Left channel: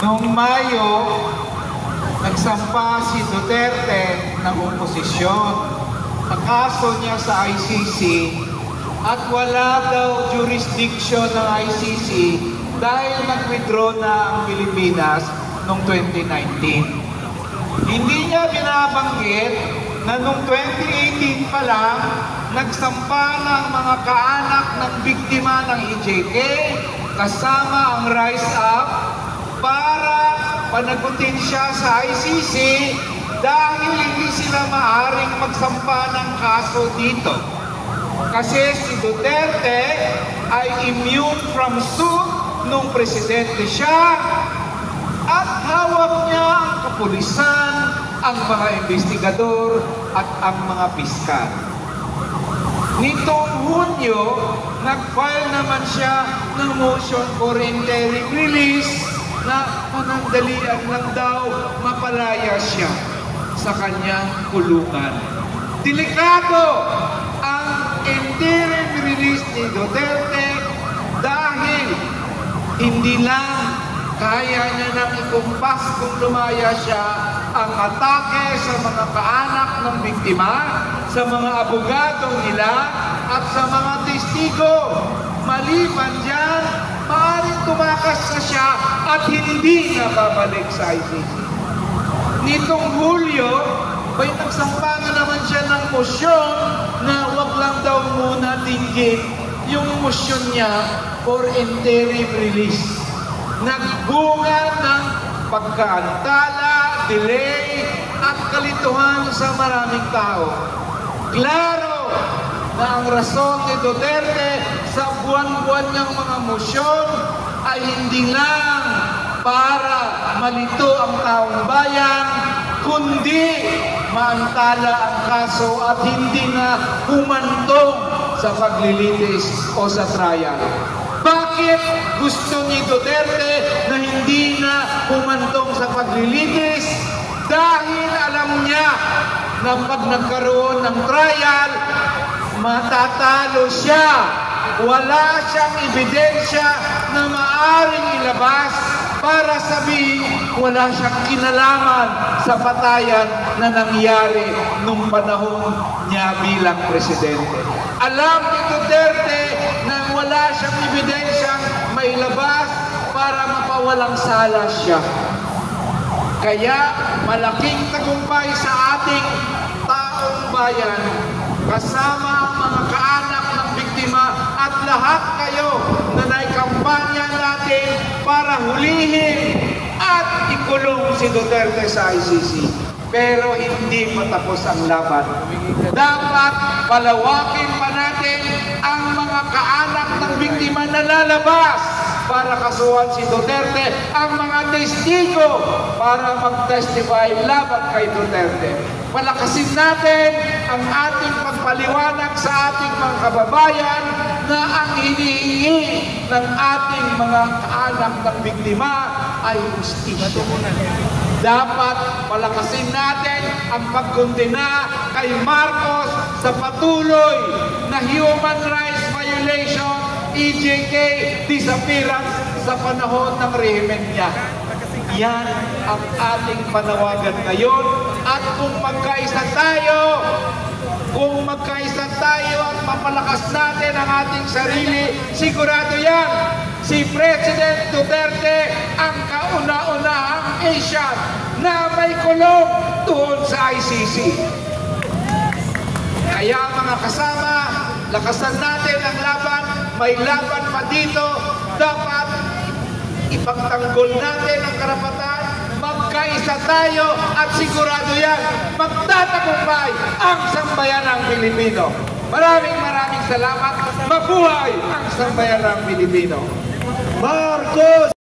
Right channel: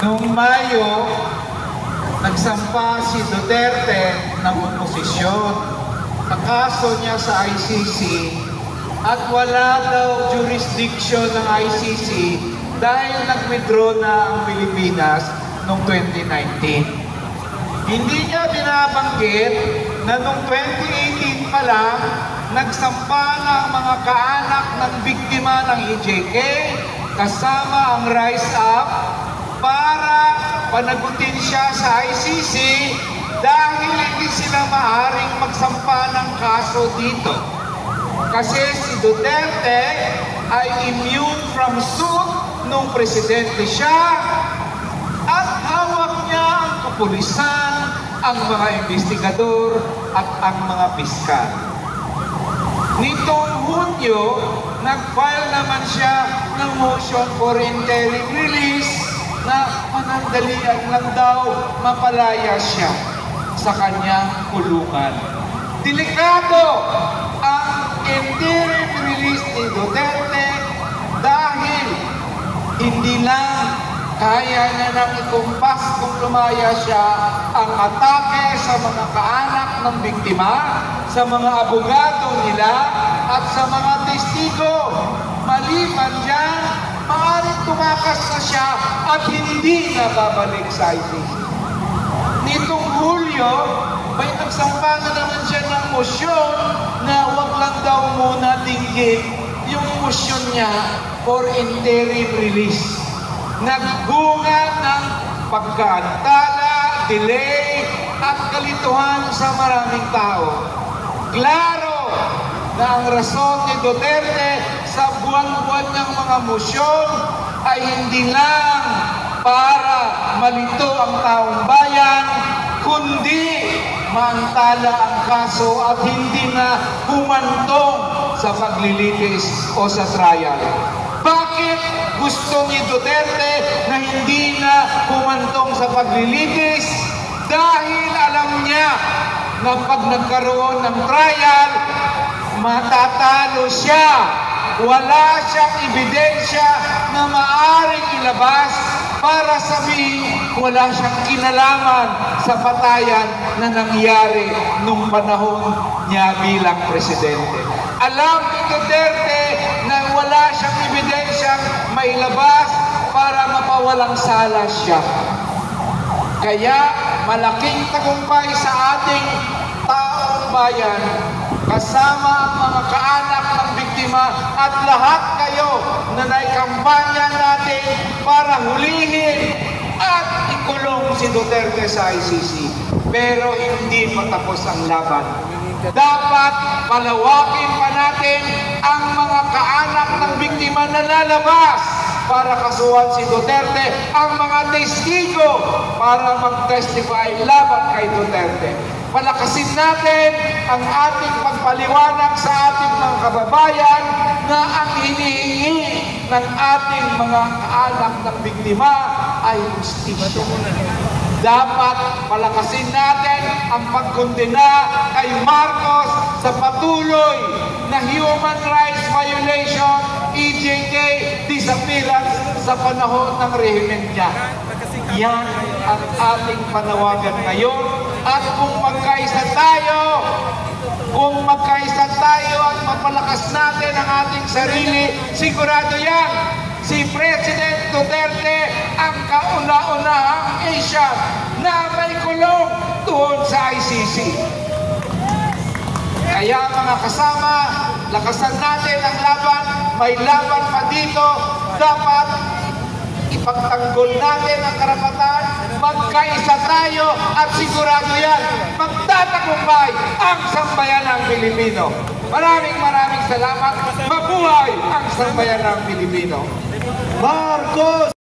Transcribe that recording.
Noong Mayo, nagsampa si Duterte ng oposisyon sa kaso niya sa ICC at wala daw jurisdiction ng ICC dahil nag-withdraw na ang Pilipinas noong 2019. Hindi niya binabanggit na noong 2018 pa lang, nagsampa ng mga kaanak ng biktima ng EJK kasama ang Rise Up para panagutin siya sa ICC dahil hindi sila maaaring magsampa ng kaso dito. Kasi si Duterte ay immune from suit nung presidente siya at hawak niya ang kapulisan, ang mga investigador at ang mga piskal. Nitong Hunyo, nag-file naman siya ng motion for interim release na panandalian lang daw mapalaya siya sa kanyang kulungan. Delikado ang interim release ni Duterte dahil hindi lang kaya niya nang ikumpas kung lumaya siya ang atake sa mga kaanak ng biktima, sa mga abogado nila at sa mga testigo. Maliban dyan, maaaring tumakas na siya at hindi na babalik sa ICC. Nitong Hulyo, may nagsampa na naman siya ng motion na wag lang daw muna tingin yung motion niya for interim release. Nagbunga ng pagkaantala, delay at kalituhan sa maraming tao. Klaro na ang rason ni Duterte sa buwan-buwan niyang mga mosyon ay hindi lang para malito ang taong bayan, kundi maantala ang kaso at hindi na humantong sa paglilitis o sa trial. Bakit gusto ni Duterte na hindi na humantong sa paglilitis? Dahil alam niya na pag nagkaroon ng trial, matatalo siya. Wala siyang ebidensya na maaaring ilabas para sabihin wala siyang kinalaman sa patayan na nangyari nung panahon niya bilang presidente. Alam ni Duterte na wala siyang ebidensyang mailabas para mapawalang sala siya. Kaya malaking tagumpay sa ating taong bayan, kasama ang mga kaanak ng biktima at lahat kayo na naikampanya natin para hulihin at ikulong si Duterte sa ICC. Pero hindi pa tapos ang laban. Dapat palawakin pa natin ang mga kaanak ng biktima na lalabas para kasuhan si Duterte, ang mga testigo para mag-testify laban kay Duterte. Palakasin natin ang ating pagpaliwanag sa ating mga kababayan na ang hinihingi ng ating mga kaanak ng biktima ay justisya. Dapat palakasin natin ang pagkondena kay Marcos sa patuloy na human rights violation, EJK, disappearance sa panahon ng rehimen niya. Yan ang ating panawagan ngayon. At kung magkaisa tayo at mapalakas natin ang ating sarili, sigurado yan, si President Duterte ang kauna-unahang Asian na may kulong doon sa ICC. Kaya mga kasama, lakasan natin ang laban. May laban pa dito. Dapat ipagtanggol natin ang karapatan. Magkaisa tayo at sigurado yan, magtatagumpay ang sambayanang Pilipino. Maraming salamat. Mabuhay ang sambayanang Pilipino. Marcos!